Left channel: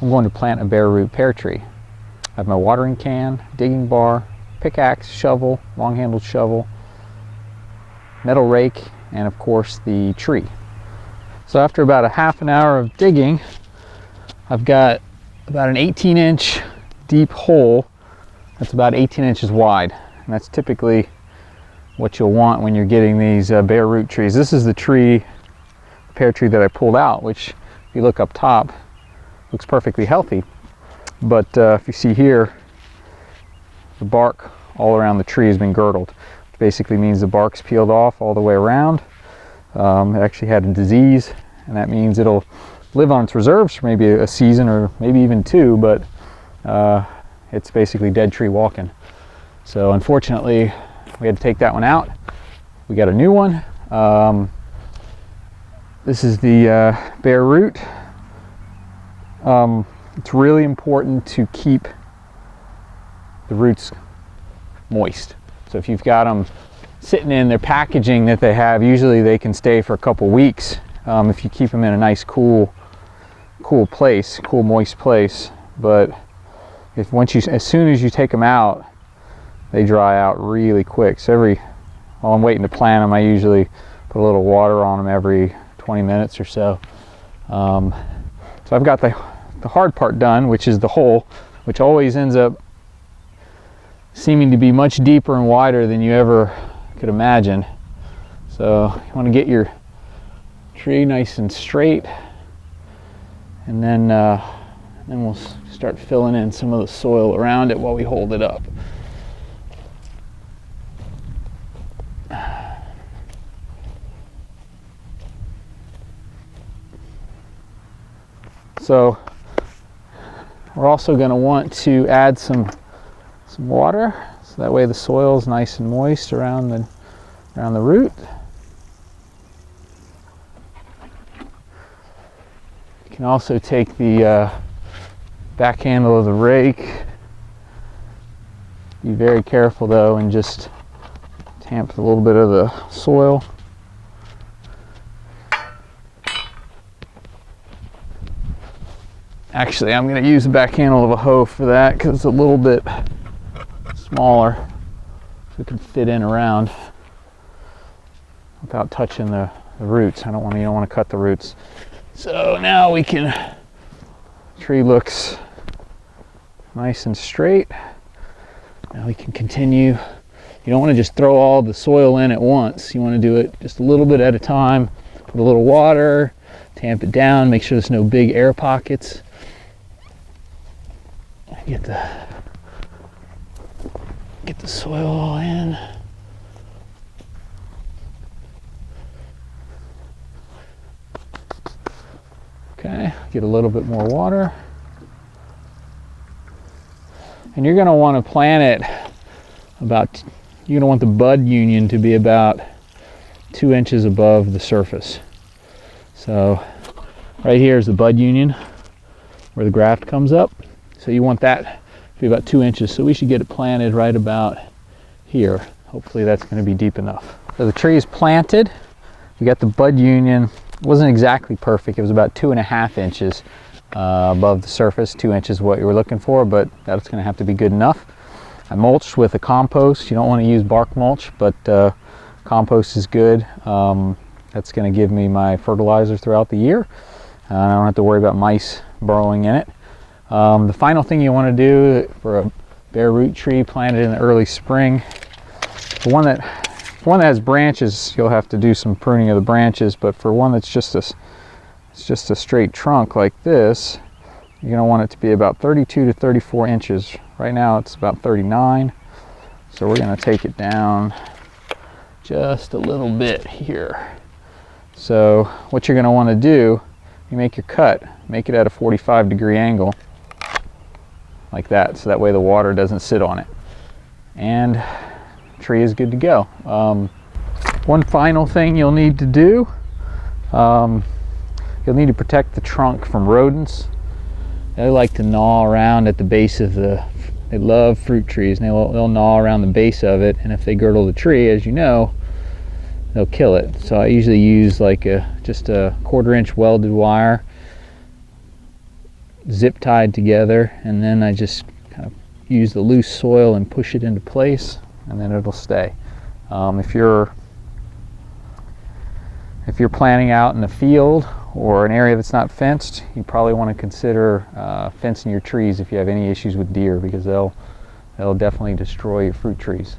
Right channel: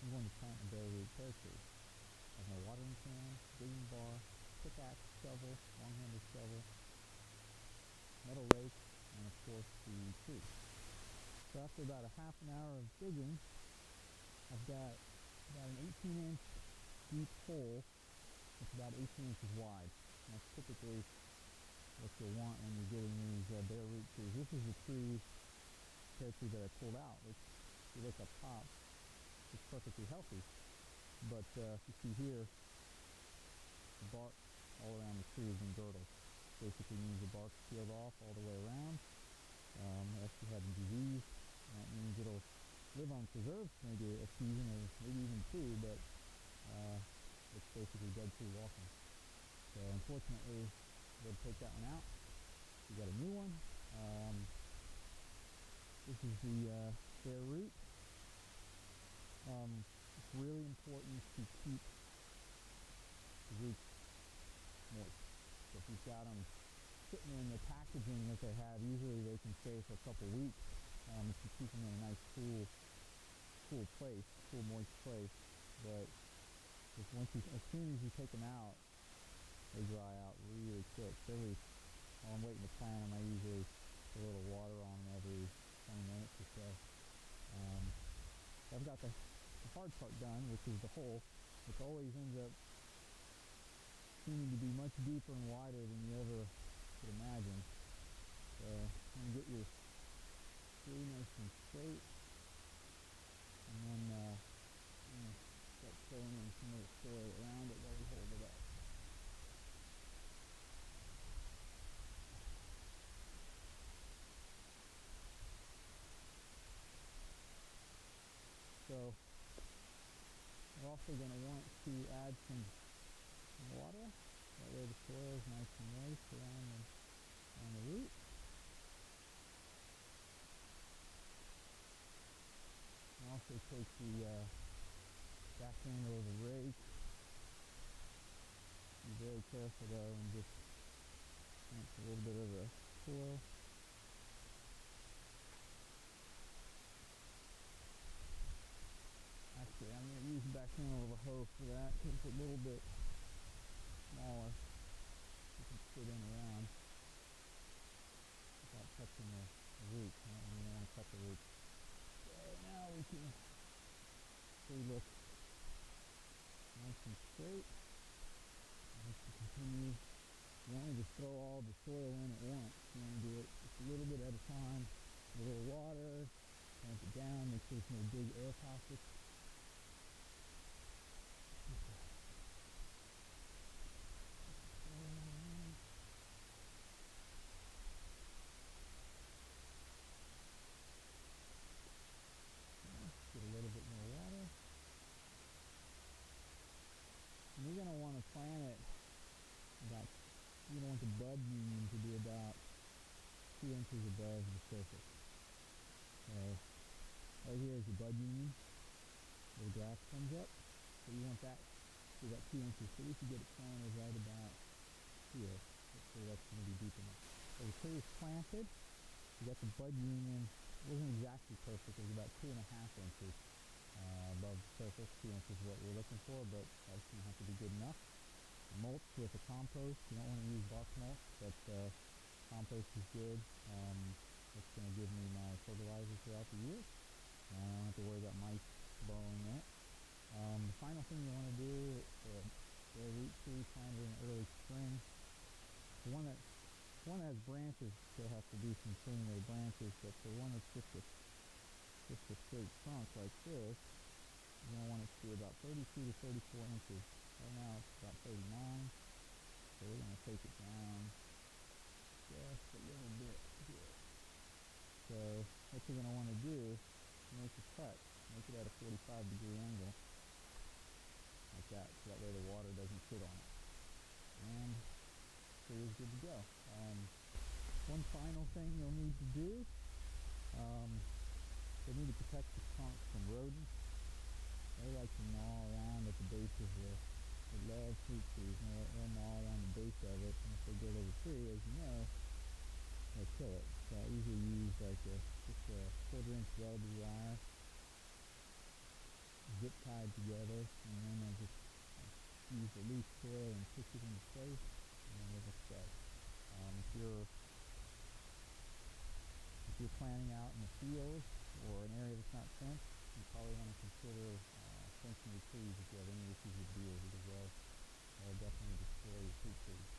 I'm going to plant a bare root pear tree. I have my watering can, digging bar, pickaxe, shovel, long-handled shovel, metal rake, and of course the tree. So after about a half an hour of digging, I've got about an 18-inch deep hole that's about 18 inches wide, and that's typically what you'll want when you're getting these bare root trees. This is the tree, pear tree that I pulled out, which if you look up top looks perfectly healthy, but if you see here, the bark all around the tree has been girdled, which basically means the bark's peeled off all the way around. It actually had a disease, and that means it'll live on its reserves for maybe a season or maybe even two, but it's basically dead tree walking. So unfortunately, we had to take that one out. We got a new one. This is the bare root. It's really important to keep the roots moist. So if you've got them sitting in their packaging that they have, usually they can stay for a couple weeks if you keep them in a nice cool place, cool moist place. But as soon as you take them out, they dry out really quick. So while I'm waiting to plant them, I usually put a little water on them every 20 minutes or so. So I've got the hard part done, which is the hole, which always ends up seeming to be much deeper and wider than you ever could imagine. So you want to get your tree nice and straight, and then we'll start filling in some of the soil around it while we hold it up. So we're also going to want to add some water, so that way the soil is nice and moist around the root. You can also take the back handle of the rake. Be very careful though, and just tamp a little bit of the soil. Actually, I'm going to use the back handle of a hoe for that because it's a little bit smaller, so it can fit in around without touching the roots. You don't want to cut the roots. So now tree looks nice and straight. Now we can continue. You don't want to just throw all the soil in at once. You want to do it just a little bit at a time. Put a little water, tamp it down, make sure there's no big air pockets. Get the soil all in. Okay, get a little bit more water. And you're going to want to plant it you're going to want the bud union to be about 2 inches above the surface. So right here is the bud union where the graft comes up. So you want that to be about 2 inches. So we should get it planted right about here. Hopefully that's going to be deep enough. So the tree is planted. You got the bud union. It wasn't exactly perfect. It was about 2.5 inches above the surface. 2 inches is what you were looking for, but that's going to have to be good enough. I mulched with a compost. You don't want to use bark mulch, but compost is good. That's going to give me my fertilizer throughout the year. I don't have to worry about mice burrowing in it. The final thing you want to do for a bare root tree planted in the early spring, for one that has branches, you'll have to do some pruning of the branches, but for one that's just a straight trunk like this, you're going to want it to be about 32 to 34 inches. Right now it's about 39, so we're going to take it down just a little bit here. So what you're going to want to do, you make your cut, make it at a 45-degree angle like that, so that way the water doesn't sit on it, and the tree is good to go. One final thing you'll need to do, you'll need to protect the trunk from rodents. They like to gnaw around at the base of they love fruit trees, and they'll gnaw around the base of it, and if they girdle the tree, as you know, they'll kill it. So I usually use like just a 1/4 inch welded wire, zip tied together, and then I just kind of use the loose soil and push it into place, and then it'll stay. If you're planting out in a field or an area that's not fenced, you probably want to consider fencing your trees if you have any issues with deer, because they'll definitely destroy your fruit trees.